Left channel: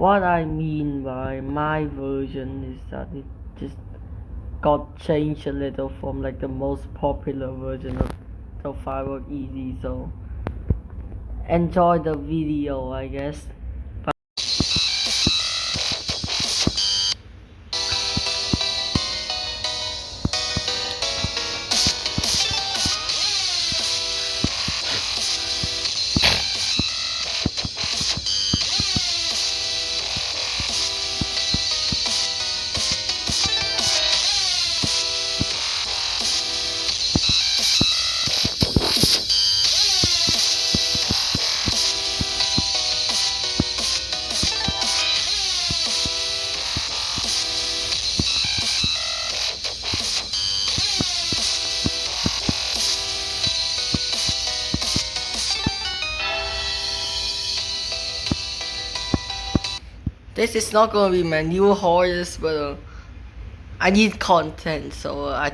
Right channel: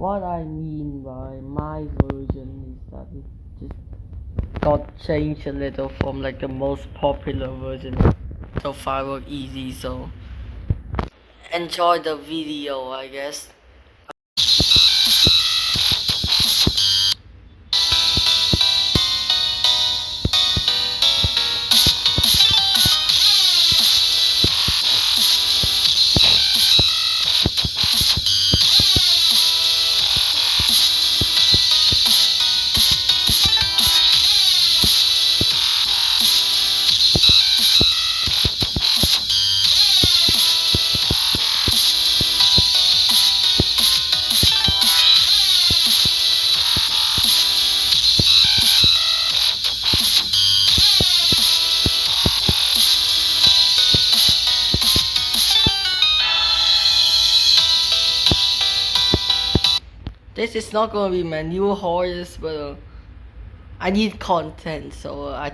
what I mean by my version is that it just got changed a little from like the most popular version of Firework Easy, so enjoy the video, I guess. This is not gonna be my new horse, but I need content, so I